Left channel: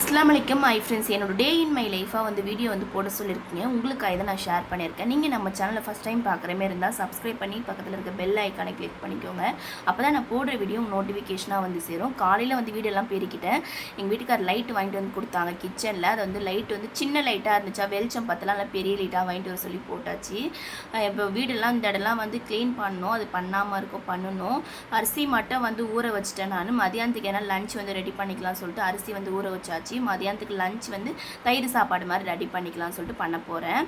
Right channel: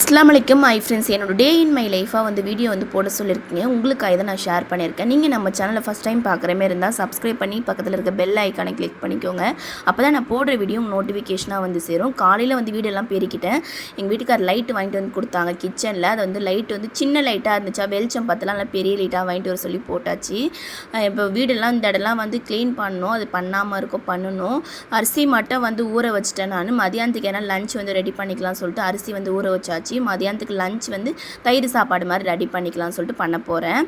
அஸ்ஸலாமு my friends, என்னோட டே in my லைஃபாக வந்து வீடியோ வந்து போட சொல்லியிருக்கீங்க. உங்களுக்காக தான் நான் ஷேர் பண்ணியிருக்கேன். நீங்கள் நம்ம சேனலை ஃபஸ்ட் டைம் பார்க்குற மாதிரி இருந்தால் சப்ஸ்கிரைப் பண்ணி பக்கத்தில் இருக்க பெல் ஐக்கானை கிளிக் பண்ணிக்கோங்க. அப்போ தான் நான் போடுற வீடியோ நோட்டிஃபிகேஷனாக வந்து சேரும். காலையில் வந்து வீடியோலாம் பெருக்கிட்டேன். எங்கள் வீட்டுக்கார் லைட்டு வாங்கிட்டு வந்து கொடுத்தாங்க கிச்சனில். அது வந்து லைட்டு வந்து சின்ன லைட்டாக இருந்துச்சா, வெளிச்சம் பத்தலாம் நல்லா பெரிய லைட்டாக வாங்கிட்டு வர சொல்லி போட்டாச்சு. இப்போ வீடெல்லாம் இந்த இடம்லாம் வந்து க்ளீன் பண்ணணும். அது பண்ணாமல் இருக்கும், பண்ணணும். அரிசி மட்டும் வந்து ஊற வச்சுட்டேன். நான் மதியானத்துக்கு ஏன்னா லஞ்ச் வந்து ரெடி பண்ணிக்கலாம்னு சொல்லிட்டு அரிசி வந்து ஊற வச்சாச்சு. மதியானத்துக்கு லஞ்ச் வந்து தயிர் சாப்பாடு மாதிரி ரெடி பண்ணிக்கலாம்னு சொல்லிட்டு பண்ண போகிறேன்.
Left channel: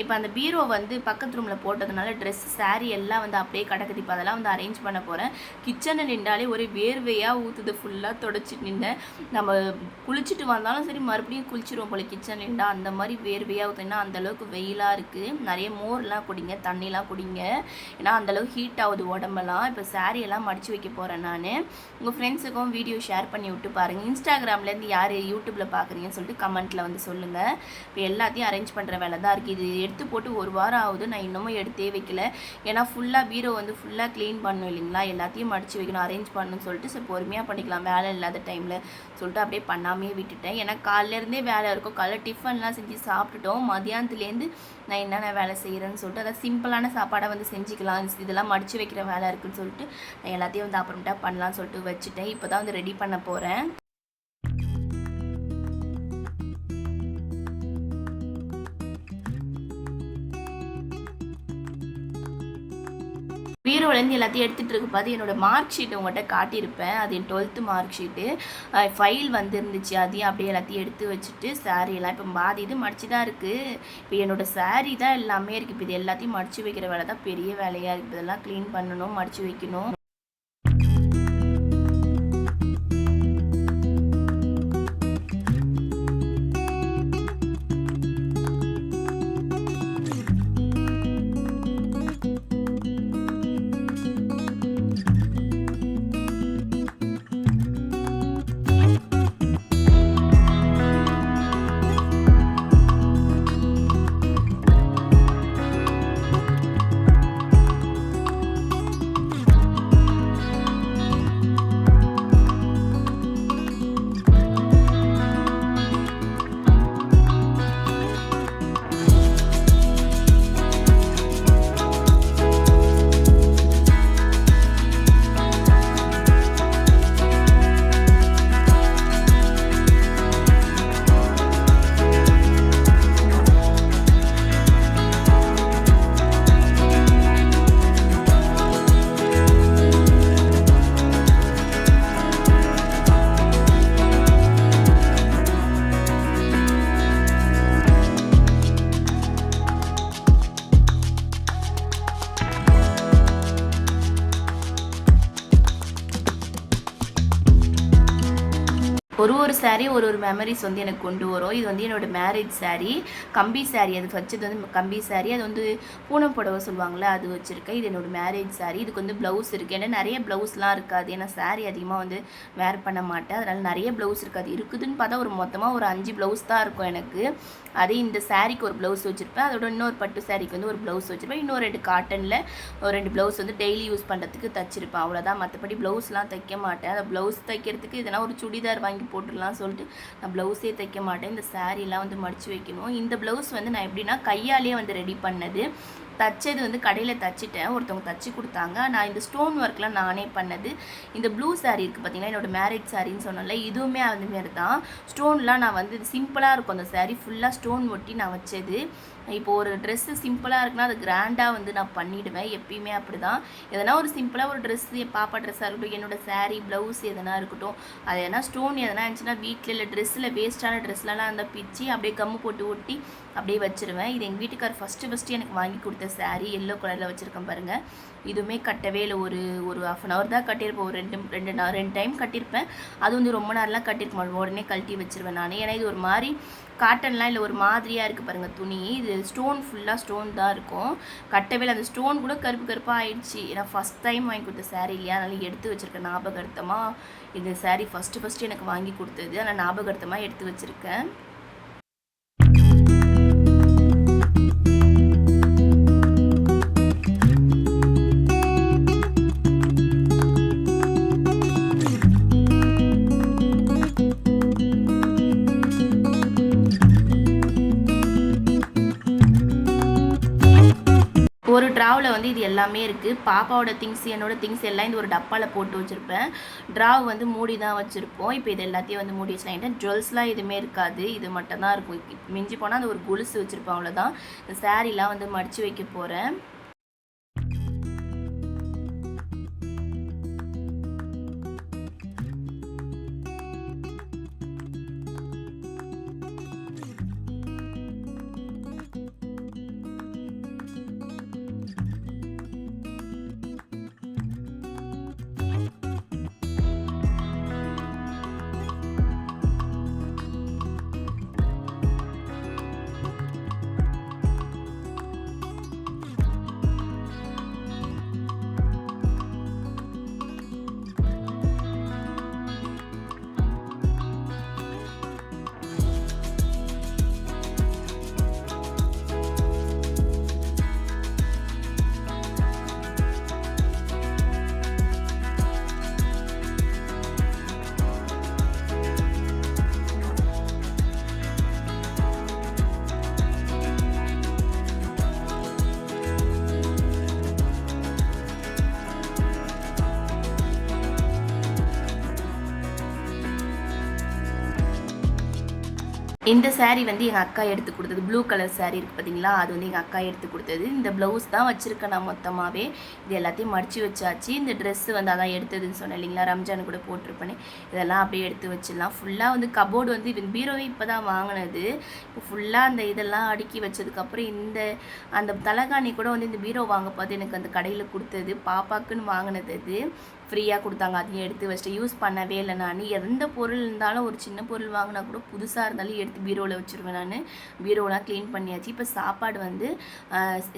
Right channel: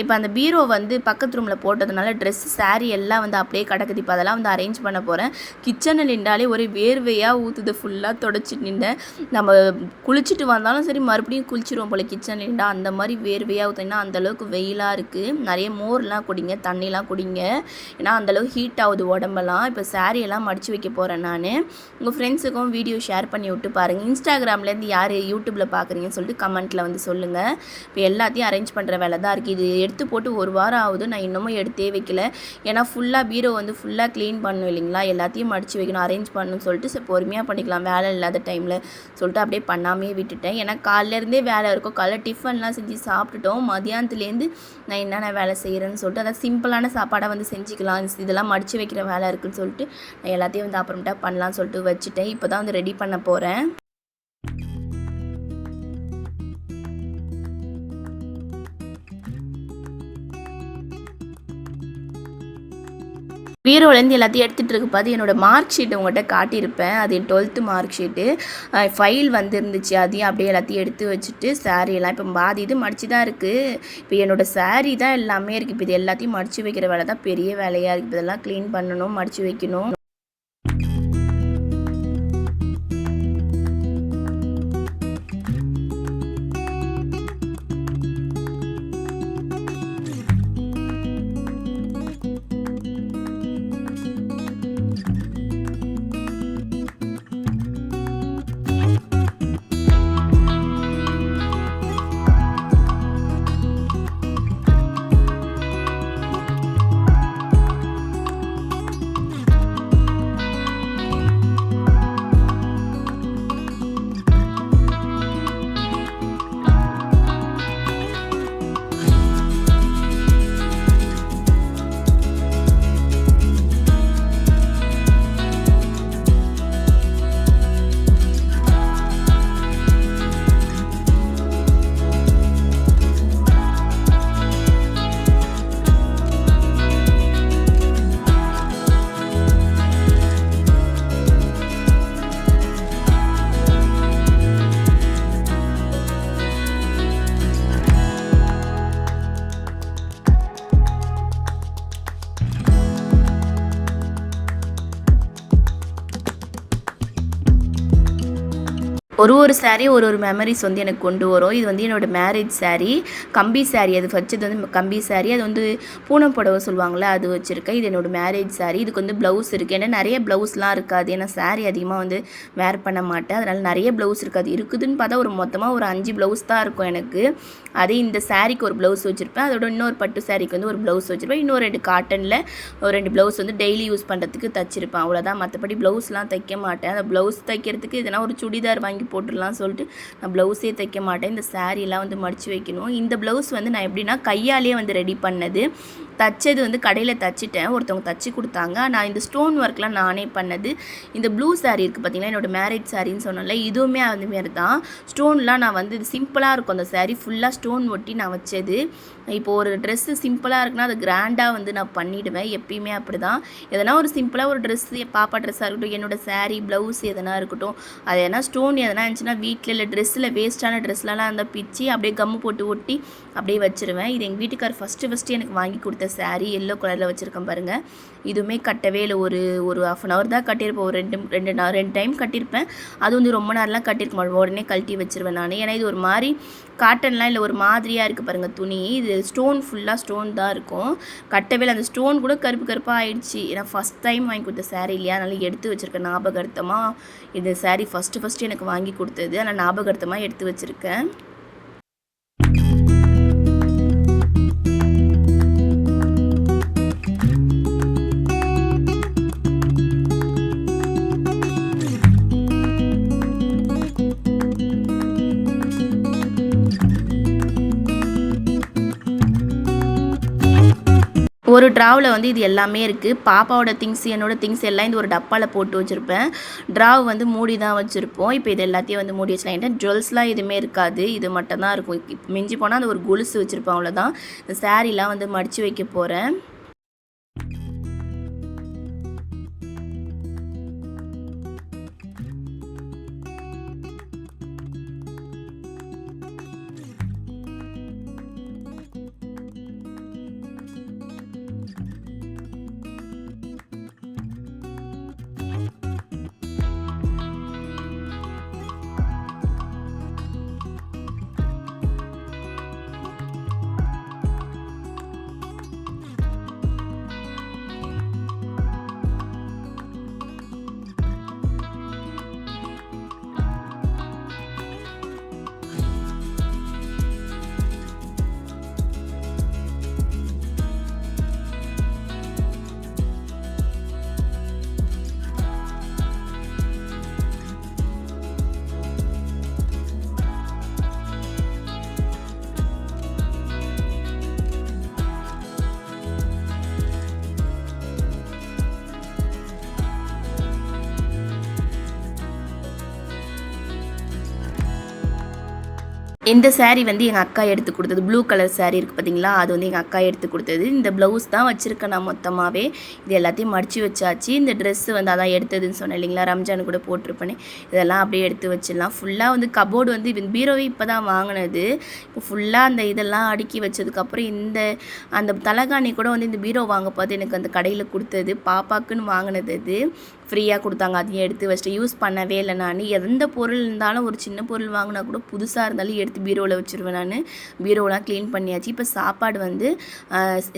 இப்போ அந்த பீரோ வந்து பக்கத்து ரூமில் போட்டதுனால ட்ரெஸ் சாரீ எல்லாம் வந்து அப்படியே கிடக்குது. இப்போ அதெல்லாம் வந்து அரேஞ்ச் பண்ண போகிறேன். கிச்சனில் நின்றாலே ஒரே வேர்வையாக ஊற்றுது. ஃபுல்லாக தொடச்சிட்டு நின்றேன். நம்ம குளிச்சுட்டு வந்தாலும் சரி மறுபடியும் குளிச்சிடுவோம் போல் கிச்சனில் நின்றா. அந்த மாதிரி வேர்வையாக ஊற்றுனா அந்தளவுக்கு வெயிலாக இருக்குது. நிறைய மோர்லாம் குடிங்க, தண்ணிலாம் குடிங்க, ஏன்னா அந்தளவுக்கு ஹீட் ஆகுது உடம்பெல்லாம். இப்போ சாரியெல்லாம் மடித்து வைக்க போகிறேன். நான் உங்கள் ஃப்ரெண்ட்ஸுக்கும் வீடியோ ஷேர் பண்ணி விட்டு பாருங்கள். இன்ஸ்டாகிராம்லேருந்து யார் யூடியூப்பில் பார்க்குறீங்கன்னு சொல்லிட்டு கமெண்ட்டில் வந்து சொல்லுங்கள். இப்போ எல்லாத்தையும் அரேஞ்ச் பண்ணுற வேலை தான் இருக்குது. இது எடுத்து போட்டு ஒரு வாரம் ஆகுது. நான் இன்னமும் எடுத்தே வைக்கல. ஏன்னா ஃபுல்லாக பீரோ வந்து ஃபுல்லாக க்ளீன் பண்ணணும் இல்லைங்களா, எல்லாத்தையும் மடித்து வைக்கணும், அரேஞ்ச் பண்ணணும்னு சொல்லிட்டு சரி பொறுமையாக பண்ணிக்கலாம் வேலை இல்லாத டைமில் சொல்லிட்டு அப்படியே பண்ணாமே விட்டுட்டேன். ஏன்னா காலையிலேருந்தே வேலை இருக்கும். காலைல டிஃபன்லாம் செஞ்சு சாப்பிட்டுட்டோம். மதியானத்துலேருந்து நான் என்னென்ன வேலை செய்கிறேன்னு சொல்லிட்டு அதை சிம்பிளான சாப்பாடாக வந்து செஞ்சுக்கலாம். இதெல்லாம் மடித்து வைக்கிற வேலை இருக்குதுன்னு சொல்லிட்டு நான் எல்லாத்தையும் வந்து அப்புறமேட்டா பண்ணலான்னு சொல்லிட்டு வச்சுட்டேன். இப்போ தான் வந்து ரெடி பண்ண போகிறேன். பீரோலேருந்து எல்லாத்தையும் எடுத்துகிட்டு இருக்கு பார்த்து என்னோடய மார்க் ஷீட் உங்கள்கிட்ட காட்டியிருப்பேன். அது என் 12th மார்க் ஷீட்டு ஃபைல் வந்துருந்துச்சு. அதையும் அப்படியே எல்லாத்தையும் எடுத்து வச்சுட்டு சாரீலாம் இப்போ பாதி இது மடித்து தான் இருக்குது. இப்போ என்னோடய சாரீ தான் எல்லாமே இருக்குது. இப்போ இது எல்லாத்தையும் மடித்து வைக்கிற வேலை தான் பெரிய வேலையாக இருக்குது. இதெல்லாம் க்ளீன் பண்ணணும், மடித்து வைக்கணும். ஒரு சாரீ ஒரு மெமரிஸ் வந்து எனக்கு கொண்டு வரும். இது வந்து என்னோடய மேரேஜ் சாரீ, கம்பி சாரீ. அது வச்சது வந்து கம்பி சாரீ. அது வந்து பூனம் புடவை சொல்லுவாங்களே, அது வச்சுருக்கேன். இது என்னோடய மேரேஜ் சாரீ. இதுக்கு வந்து ப்ளவுஸ் இருக்குது. ஏன்னா நிறைய ப்ளவுஸ்லாம் இருக்காது. ஏன்னா சாரீ அதிகமாக வந்து வேர் பண்ண மாட்டேன். அதனால் நிறைய ப்ளவுஸ் இருக்காது. இருக்குதுன்னு பார்த்தா மொத்தமாக ஒரு 5 ப்ளவுஸ் தான் இருக்கும் எனக்கு. அதே இந்த சாரீக்கு ஒரு ப்ளவுஸ் வச்சுருப்பேன். அதோட இன்னொரு பட்டு சாரீக்கு வந்து ஒரு ப்ளவுஸ் வச்சுருப்பேன். இன்னொரு 2 காட்டனில் ஒரு 2 ப்ளவுஸ் வந்து டெய்லி யூஸ் பண்ணுறதுக்கு தைச்சிருப்பேன். அவ்வளோதான். மற்றபடி ப்ளவுஸ்லாம் தைக்க மாட்டேன். அந்த ப்ளவுஸ் தைக்கிறதுக்கு இதெல்லாம் ஒரு சுடிதார் வாங்கி போட்டுடலாம் சொல்லிட்டு நான் ப்ளவுஸே தைக்க மாட்டேன். இந்த சாரீலாம் வந்து மடித்து வைக்கணும். இந்த ப்ளவுஸ் வந்து நான் எப்படின்னா கையாலேயே வந்து ரெடி பண்ணது. தைச்சது வந்து கடையில் தைச்சிட்டேன். ஒருத்தவங்க தைச்சி கொடுத்தாங்க. நான் இந்த ஸ்டோன் ஒர்க்லாம் நானே பண்ணது. இந்த ப்ளூ சாரீ இருக்குது பார்த்திங்கன்னா, என்னோடய மேரேஜ் சாரின்னு சொன்னால இதுவுமே அதுமாரி தான். ஸ்டோன்லாம் நான் வந்து இது சிம்பிளாக இருக்கும். அந்த சாரீ ஃபுல்லாக ஸ்டோன் ஒட்டி நான் வச்சது. இப்போது ஒரு ட்ரெஸ்ஸு சிம்பிளாக இருக்குன்னா அது கிராண்டாக வந்து நான் பண்ணிவிடுவேன். எப்பயுமே அப்படி தான். எதனா ஒரு சிம்பிளாக ஒரு ட்ரெஸ்ஸு, பாப்பா ட்ரெஸ்ஸாக இருக்கட்டும், என்னோடய சாரீ ப்ளவுஸ் எதனா இருக்கட்டும், அது எதனா ஸ்டோன் எதனா இருந்துச்சுன்னா வீட்டில் இல்லை ட்ரெஸ்ஸில் வேஸ்ட்டான ட்ரெஸ்லலாம் இருந்தால் பிச்சு அப்படியே கம்மு போட்டு ஒட்டி அப்படியே வச்சுருவேன். இது எங்கள் வீட்டுக்கார் ஃபஸ்ட்டு எனக்கு வாங்கி கொடுத்த சாரீ. எல்லோ கலரில் வச்சுருக்கேன் பாருங்கள். இதுவுமே கட்டவே இல்லை. ஒரு ½ அன் ஹவர் தான் கட்டியிருப்பேன். ஒரு ரெண்டு டைம் கட்டியிருப்பேன். அது வந்து ரொம்ப நேரம்லாம் கட்டியிருக்க மாட்டேன். உடனே கழட்டி வச்சுருவேன் நான். ஏன்னா இது ஒரு மாதிரி காட்டன்லாம் இல்லை, ஒரு மாதிரியாக இருக்குது பாருங்கள் துணி. இது ஸ்டோன் ஃபுல்லாக ஸ்டோன் தான் இருக்கும். கட்டவே இல்லை. அந்த ஸ்டோன் கூட கருப்பாக ஆயிடுச்சு. ஏன்னா ஃபஸ்ட் டைம் வாங்கி கொடுத்த சாரீ இல்லையா, அதனால் எடுத்து வச்சுருக்கேன் ஞாபகார்த்தமாக. இந்த சாரீ ஃபஸ்ட்டு எனக்கு வாங்கி கொடுத்தது. ஆனால் ஞாபகார்த்தமாக எடுத்து வச்சுருக்கேன். ஒரு ட்ராவில் வந்து இது எல்லாமே இருக்குது. பாப்பாவோட திங்ஸ், என்னோட திங்ஸ் எல்லாம் இந்த ஒரு டப்பாவில் போட்டு வச்சுருப்பேன். ட்ராவ் வந்து மூடி தான் வச்சுருப்போம். இப்போ இது எல்லாத்தையும் வந்து மூடி வச்சுலாம். ஏன்னா ஜுவல்ஸ்லாம் எதுவுமே இருக்காது, இது மட்டும் தான் இருக்கும். மிஞ்சி போனால் அந்த ஒரு கொலுசு வச்சுருப்பேன், அவ்வளோதான். இந்த சாரீலாம் வந்து மடித்து வைக்க போகிறேன். இந்த சாரீ வந்து எங்கள் அக்கா எடுத்து கொடுத்தது. ப்ளூ கலர் சாரீ இருக்குது பார்த்தீங்களா, அது வந்து எங்கள் அக்கா எடுத்து கொடுத்தது. இந்த ப்ளவுஸ் தான் வச்சுருக்கேன் நான் மொத்தமாகவே. இது எல்லாத்தையும் மடித்து வச்சாச்சு. இந்த ட்ரெஸ்ஸு வந்து அதான் எடுத்ததுன்னு சொன்னேன் இல்லைங்களா, ரம்ஜானு கூட போட்டிருப்பேனே, இதெல்லாம் அப்படியே எடுத்து வச்சிடலாம். ஃபுல்லாக வந்து கபோர்டு வந்து பீரோவே இப்போ தான் வாங்கினது. இப்போ ஃபுல்லாக அந்த இதெல்லாம் அடுக்கி வச்சதுக்கப்புறம் அந்த தலகாணி கூட வந்து இந்த பீரோ வாங்க பார்த்து எனக்கு அந்த கடையில் கொடுத்தது, பாப்பாக்குன்னு வாங்கினது. அது ஃப்ரீயாக கொடுத்தாங்க. அதையும் எடுத்து வச்சுட்டு யூஸ் பண்ணவே இல்லை. நான் எந்த பொருள் இருந்தாலும் ஒரு சின்ன பொருள் வாங்கினா கூட புதுசாக இருந்தாலும் எடுத்து பீரோவில் வச்சுருவேன். நான் பீரோலாம் க்ளீன் பண்ணியாச்சு. இப்போ சாப்பாடு வந்து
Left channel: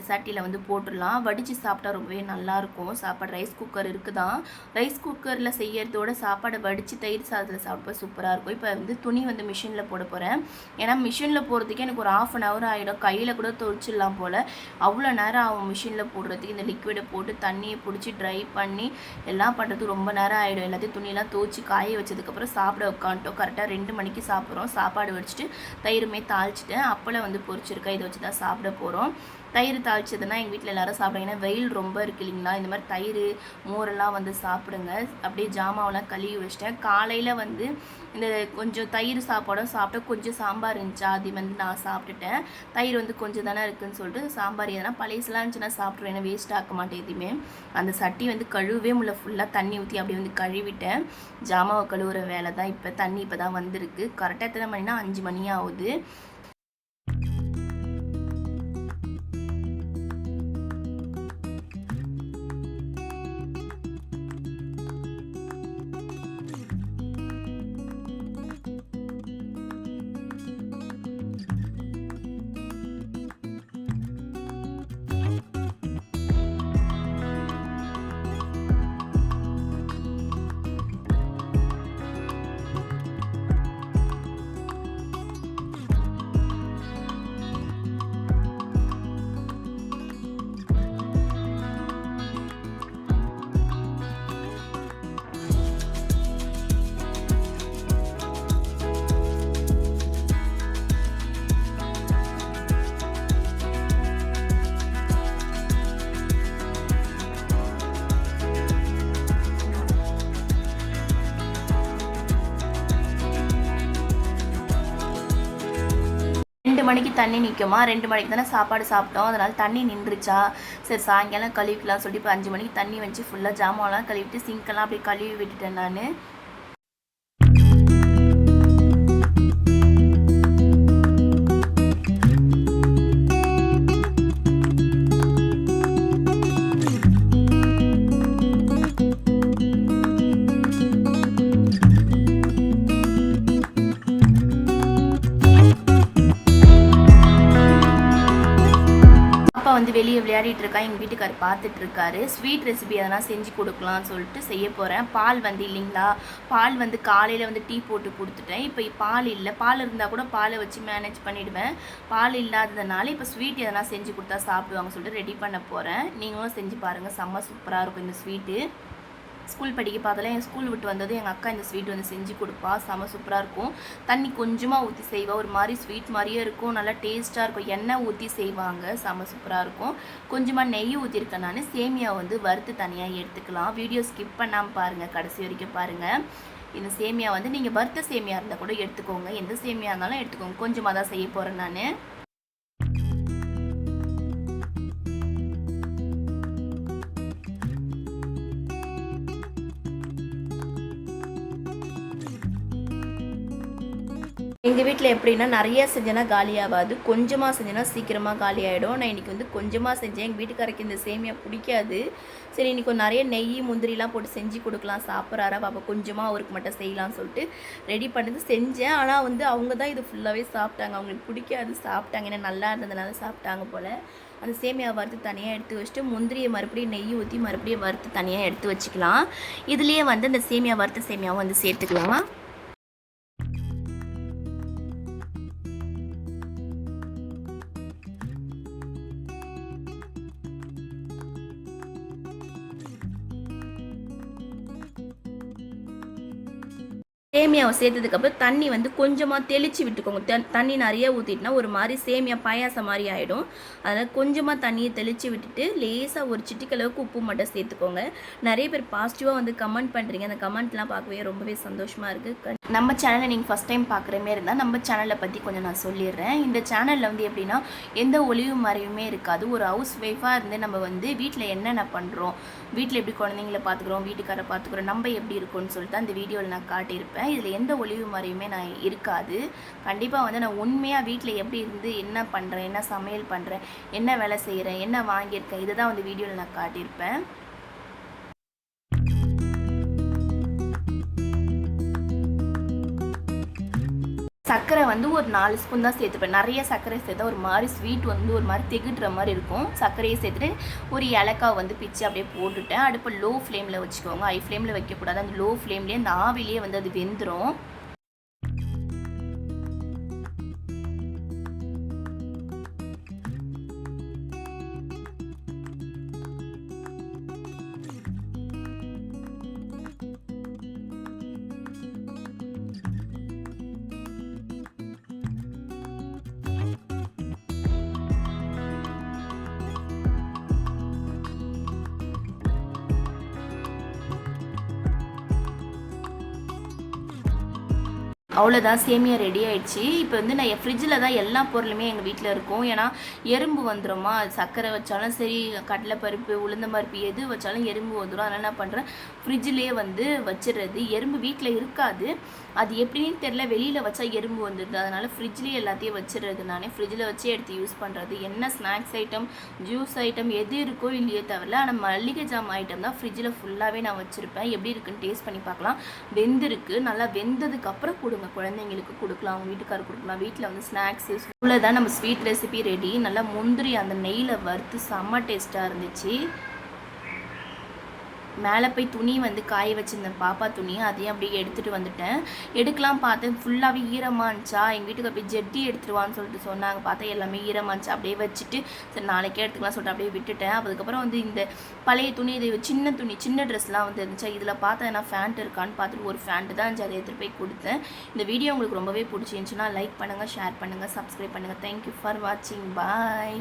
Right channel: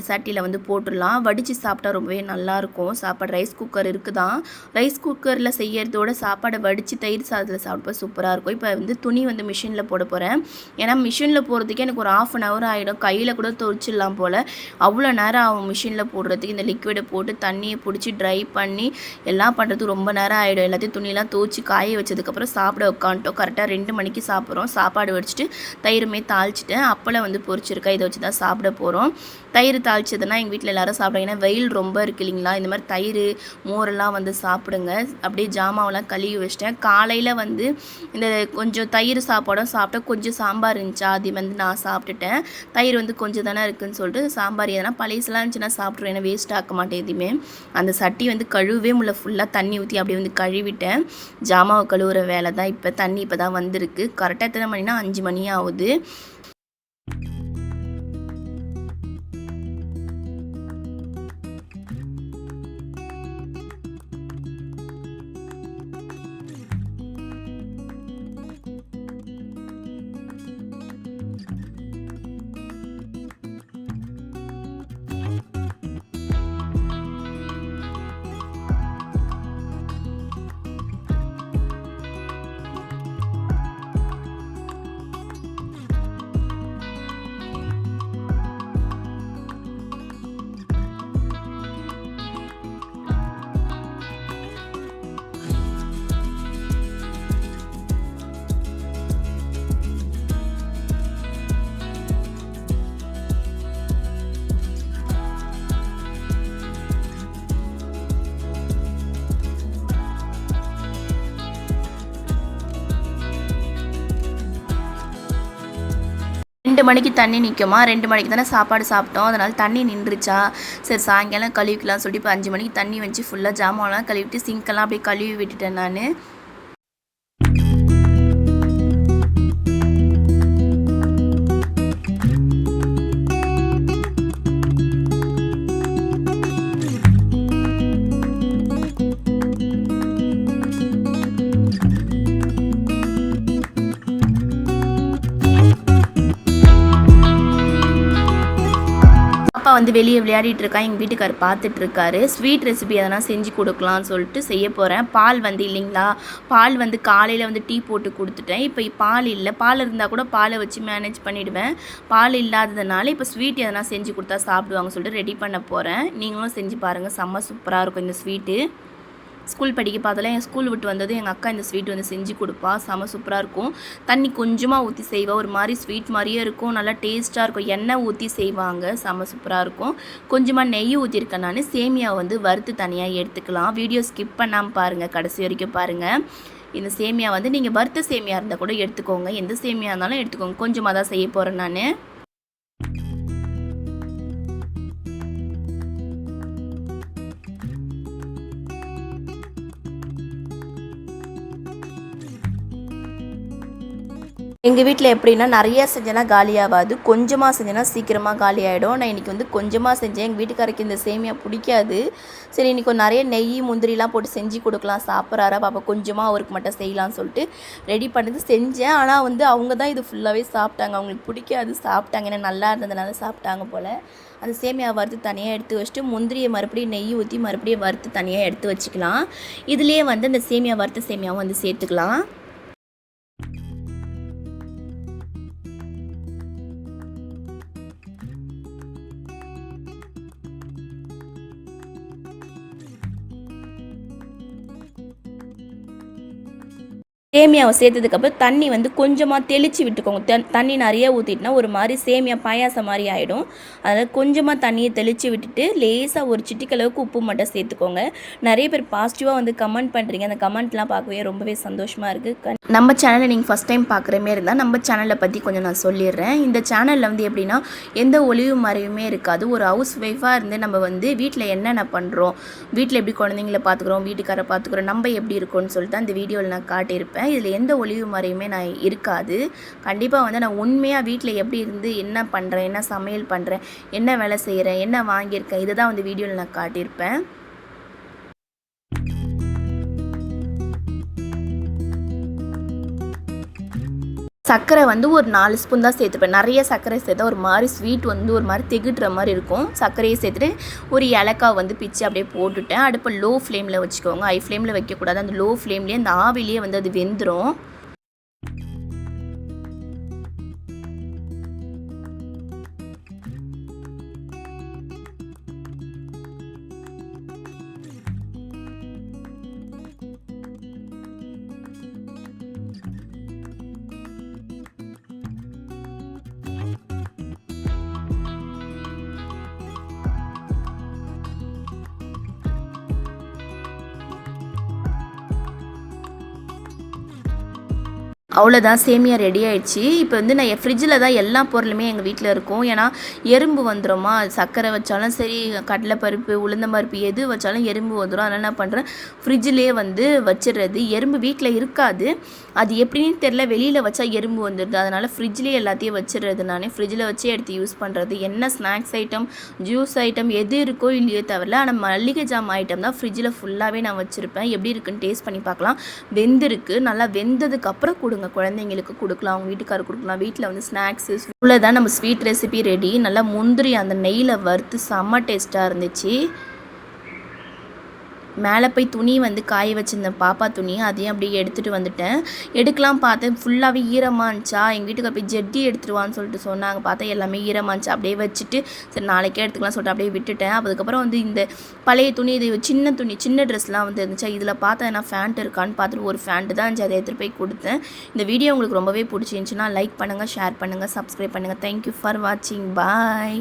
சட்டியில் வந்து போட்டுடலாம். வடித்து சாப்பிட்டா ரொம்பவே நல்லாயிருக்கும் சாப்பாடு. ரைஸ் குக்கர் இருக்குதான், ரைஸ் குக்கரில் செய்யறதோட சாப்பாடை வடித்து தயிர் சாதத்தில் சாப்பிட்டா சூப்பராக இருக்கும். இப்போ வந்து துணி வந்து மிஷினில் போட போகிறேன். ஏன்னா மிஷினில் போடுறதுக்கே எனக்கு ஒரு 1/2 hour ஆகிடும். கையில் கூட துவைச்சிடலாம் போல், அவ்வளோ நேரம் ஆகும் மிஷினில் போடுறதுக்கு. இந்த லிக்விடை போட்டு தண்ணியை பிடிச்சி ட்ரை பண்ணி எல்லாம் பண்ணுறதுக்கு ரொம்ப நேரம் ஆகிடும். எல்லாத்தையும் துணியெல்லாம் துவச்சி காய வச்சதுக்கப்புறம் சாப்பிட உட்காந்துட்டோம். கரெக்டாக 2 மணிக்கு சாப்பிட்றோம். சாப்பாடு வடிச்சிட்டு தயிருமே தாளிச்சிட்டேன். அப்பளம் வந்து பொரிச்சிருக்கேன், இதை வச்சு தான் சாப்பிட போகிறோம். தயிர் தாளிச்சதுன்னா எங்கள் வீட்டில் எல்லோரும் சாப்பிடுங்க. ஏன்னா வெயில் ரொம்ப இருக்குது இல்லைங்களா, இந்த மாதிரி தயிர் மோரெல்லாம் வந்து சாப்பிடுங்க. அப்படியே ஜாமாவெல்லாம் கழுவி வச்சிட்டேன். காலையில் வந்து இந்த கொஞ்சம் தயிர் சாப்பாடும் சாப்பிட்டேன். கொஞ்சம் சாம்பார் இருந்துச்சா, அது வந்து நான் சாப்பிட்டுட்டேன். தயிர் வந்து கொஞ்சம் தானே இருக்குதுன்னு சொல்லிட்டு சாம்பார் எதனா பழையசெல்லாம் இருந்துச்சுன்னா சாப்பிட்ருவேன். ஏன்னா வேஸ்ட் ஆக்க மாட்டேன் எதுவுமே. அந்த சட்டி வந்து கழுவே முள்ள, ஃபுல்லாக தண்ணி ஊற்றி அப்படியே வந்து கழுவிட்டேன். ஜாமாவை கழுவுற வேலை தான். இப்போ தண்ணி இப்போ தான் வந்திருக்கு. கரெக்டாக எத்தனை மணினா 5 மணி ஆகுது. ரெண்டு மணிக்கு தண்ணி நிற்குமா, 2 மணிக்கு தானே சாப்பாடு சாப்பிட்டோம், அதனால் தண்ணி நின்றுச்சா, சரி சாயங்காலம் கழுவிக்கலாம் சொல்லிட்டு இப்போ 5 மணிக்கு தண்ணி வச்சு ஃபுல்லாக ஜாமான்லாம் கழுவிட்டு சிங்க்கெல்லாம் அப்படியே கழுவி விட்டுட்டேன் நான். வந்து வெளியே விளையாடிட்டு இருக்கா, எங்கள் வீட்டுக்கார் பார்த்துட்டு இருக்காரு. ஸ்வீட் ரெசிபி அதெல்லாம் செஞ்சு கொடுக்கலாம்னு சொல்லிட்டு செய்ய போகிறேன். பால் வந்து இல்லைங்களா, பால் வந்து காலையில் வந்து டீ போட்டு கொடுத்துட்டேன். இப்போ பால் இல்லை, பால் இருந்தால் கூட பாலை வச்சு மேனேஜ் பண்ணிவிடுவேன். பால் இல்லாததுனால இப்போ ஸ்வீட் எதனா செஞ்சு கொடுத்தா சாப்பிடுவாங்க சொல்லிட்டு ரெடி பண்ண போகிறேன். நீங்களும் செஞ்சு பாருங்கள், செம்ம சூப்பராக இருக்கும் இந்த ஸ்வீட்டு. ஸ்கூல் படிக்க பார்த்தலாம் என் ஸ்கூல் விட்டு வந்ததும் எங்கள் அக்கா இந்த ஸ்வீட் வந்து செஞ்சு கொடுப்பா. செம சூப்பராக இருக்கும். தண்ணி கொஞ்சமாக ஊற்றி செய்வா. ஒரு மாதிரி ஸ்வீட் மாதிரியே இருக்கும். நல்லா டேஸ்ட்டாக இருக்கும். எண்ணெய் ஊற்றி செய்வாங்க. செம சூப்பராக இருக்கும். கொஞ்சமாக நெய் ஊற்றிருக்கேன் நான். சேமியா வந்து வறுத்து தனியாக எடுத்துக்கலாம். வீடியோ ஸ்கிப் பண்ணாமல் பாருங்கள், கடைசி வரைக்கும் பாருங்கள். இந்த சேமியா வந்து நீங்கள் வறுத்த சேமியா இருந்தால் கூட எடுத்துக்கோங்க. எந்த சேமியா இருந்தாலும் எடுத்துக்கோங்க. கொஞ்சமாக தான் செய்ய போகிறேன் நான். எங்கள் வீட்டில் எப்படின்னா நிறையா செஞ்சேன்னா காலியாகாது, கொஞ்சமாக செஞ்சேன்னா சீக்கிரமாக காலி ஆகிடும். நான் இன்றைக்கி வந்து கொஞ்சமாக செஞ்சேன். எங்கள் வீட்டுக்காரருக்கு இந்த சேமியா பிடிக்காது. சரி இன்றைக்கி கொஞ்சம் நிறைய நெய் முந்திரிலாம் போட்டு செஞ்சு கொடுக்கலாம், சாப்பிட்றாரா பாப்பா, கொஞ்சமாக அவருக்கு மட்டும் செய்யலாம்னு சொல்லிட்டு ரெடி பண்ணது செஞ்சேன். ஆனால் வந்து அவங்க தான் இது ஃபுல்லாகவே சாப்பிட்டாங்க. அவங்களுக்கு பிடிக்காது, சாப்பிட்டாங்க. ஏன்னா நல்லா இருந்ததுனால சாப்பிட்டாங்க போல். அந்த சேமியா வறுத்து தனியாக எடுத்து வச்சுட்டு முந்திரியை மறுபடியும் நெய் ஊற்றி மறுபடியும் வறுத்து தனியாக எடுத்து வச்சுக்கலாம். இதுலேயே வந்து இந்த சேமியா வறுத்த சேமியாவும் வந்து சேர்த்துக்கலாம். சேமியாவை சேர்த்ததுக்கப்புறம் தண்ணி வந்து கொஞ்சமாக தெளித்து விட்டுக்கோங்க. தண்ணி நிறைய ஊற்றிட்டுனா ஒரு மாதிரி சேமியா பாயாசம் மாதிரி ஆகிடும். அதனால் கொஞ்சமாக தண்ணியை தெளித்து விட்டுட்டு லேசாக ஒரு சிட்டிக்களவுக்கு உப்பு மட்டும் சேர்த்துக்கோங்க. நிறைய பேர் பாசிட்டிவாக வந்து கமெண்ட் பண்ணுறீங்க. அந்த கமெண்ட்லாம் பார்க்கவே ரொம்பவே சந்தோஷமாக இருக்குது. நம்ம சேனலை நீங்கள் ஃபஸ்ட் டைம் பார்க்குற மாரி இருந்தால் நம்ம சேனலை பற்றி கொஞ்சம் நான் சொல்லிடுறேன். இந்த சேனலில் வந்து எப்படின்னா எந்த ஒளிவு மறைவுமே இருக்காது. ஒரு ஹவுஸ் ஒய்ஃபாக இருந்து நம்ம வந்து வீட்டில் என்னென்ன பண்ணுறோம், வீட்டில் எப்படி குழந்தைங்கள பார்த்துக்குறோம், வீட்டுக்காரை பார்த்துக்குறோம், நம்ம எப்படி இருக்கோம்னு சொல்லிட்டு அந்த வீடியோவில் நான் காட்டியிருப்பேன். இதில் எந்த ஒளிவு மறையுமே நான் இருக்காது. கண்டிப்பாக வந்து நான் உண்மையாக வீட்டில் எப்படி இருந்து என்ன பண்ணுறேன், என்ன சமையல் பண்ணுறேன், என்ன வேலை செய்கிறேன், என்ன வாங்கியிருக்கேன், இதை தான் வந்து வீடியோவில் நான் காட்டியிருப்பேன். சர்க்கரை வந்து ஒரு 4 ஸ்பூன் தான் சேர்த்துப்பேன். நிறைய சர்க்கரை சேர்த்தா ஒரு மாதிரி ஸ்வீட் வந்து ஒரு மாதிரி திகிட்டுற மாதிரி இருக்கும். சர்க்கரையை சேர்த்துட்டு ஒரு ஏலக்காய் வந்து பிச்சு அப்படியே போட்டுட்டேன். அடுப்பை லோ ஃப்ளேமில் வச்சுக்கோங்க, ஹை ஃப்ளேமில் வைக்கக்கூடாது. அந்த லோ ஃப்ளேம்லேயே அந்த ஆவிலேயே வந்து அது வெந்துடும். அவ்வளோதான், சேமியா ரெடி ஆகிடுச்சு. இப்போ வந்து நான் ஃப்ரிட்ஜில் தான் எல்லா பொருளுமே எங்கள் வீட்டில் இருக்கும். ஏன்னா எறும்பு வந்துடுமா, சர்க்கரை வச்சாலும் சரி, கடலைப்பருப்பு, உளுந்தம்பருப்பு எது வச்சாலும் எறும்பு வந்துடும். அதனால் என்ன பண்ணுறேன், ஃப்ரிட்ஜிலே வந்து வச்சிடுறது. எறும்பு வீட்டில் இருக்காது, அது எப்படின்னு தெரில, வெளியில் வச்சா எறும்பு வந்துடுது. அதனால் ஃப்ரிட்ஜ்லேயே எல்லாத்தையும் வச்சிடுறது. நானே ஃப்ரிட்ஜில் வச்சு எடுத்து யூஸ் பண்ணுறது. என்ன ஸ்நாக்ஸ் ஐட்டம், ஜூஸ் ஐட்டம் எது இருக்கோ இல்லையோ தவிர, ஆனால் மல்லிகை ஜாம் ஐட்டம் தான் ஃப்ரிட்ஜில் ஃபுல்லாகவே நான் வச்சுருப்பேன். எப்படி இருக்குன்னு டேஸ்ட் பண்ணி பார்க்கலாம். வெந்திருக்கு, நல்லா வெந்ததுக்கப்புறம் கொடுங்க, குழந்தைங்களுக்கு கொடுக்கலாம், அவங்க வீட்டுக்காரர் கொடுக்கலாம். வீட்டில் வந்து ஸ்நாக்ஸு இவ்வளோதான் நம்ம ஸ்வீட் ரெசிபி ரெடி. நல்லா முந்திரி அந்த நெய்யில் வறுத்து செம்ம டேஸ்ட்டாக இருந்துச்சு. மேலே போய் துணி வந்து காய வச்சுருந்தேன், பாப்பா துணி, அதையும் அப்படியே எடுத்துகிட்டு வந்துட்டேன். எடுக்கலாம் பார்த்தேன், ஃபுல்லாகவே ஈரமாக இருந்துச்சா. எங்கள் வீட்டுக்கு போய் ஜெட்டி எடுத்துருவான்னு சொல்லிட்டு சொன்னாங்க. பார்த்தா எல்லாமே ஈரமாக இருந்துச்சு. அப்படியே வச்சுட்டு சரி நாளைக்கே எடுத்துக்கலாம் சொல்லிட்டு அப்படியே விட்டுட்டேன். அதுக்கப்புறம் வந்து இந்த பழைய துணி, இது சின்ன துணி, சின்ன ட்ரெஸ்லாம் வந்து இருந்துச்சா. இதில் பார்த்தா என்ன ஃபேண்ட் இருக்கான்னு பார்த்துட்டு ஒரு ஃபேண்ட்டு தான் இருந்துச்சு, அதை எடுத்துகிட்டு போய் கொடுத்தேன். இந்த வீடியோ உங்களுக்கு ரொம்பவே பிடிச்சிருந்துச்சுன்னா லைக் பண்ணுங்கள், ஷேர் பண்ணுங்கள், சப்ஸ்கிரைப் பண்ணுங்கள். தேங்க்யூ ஃபார் வாட்சிங். பாய்.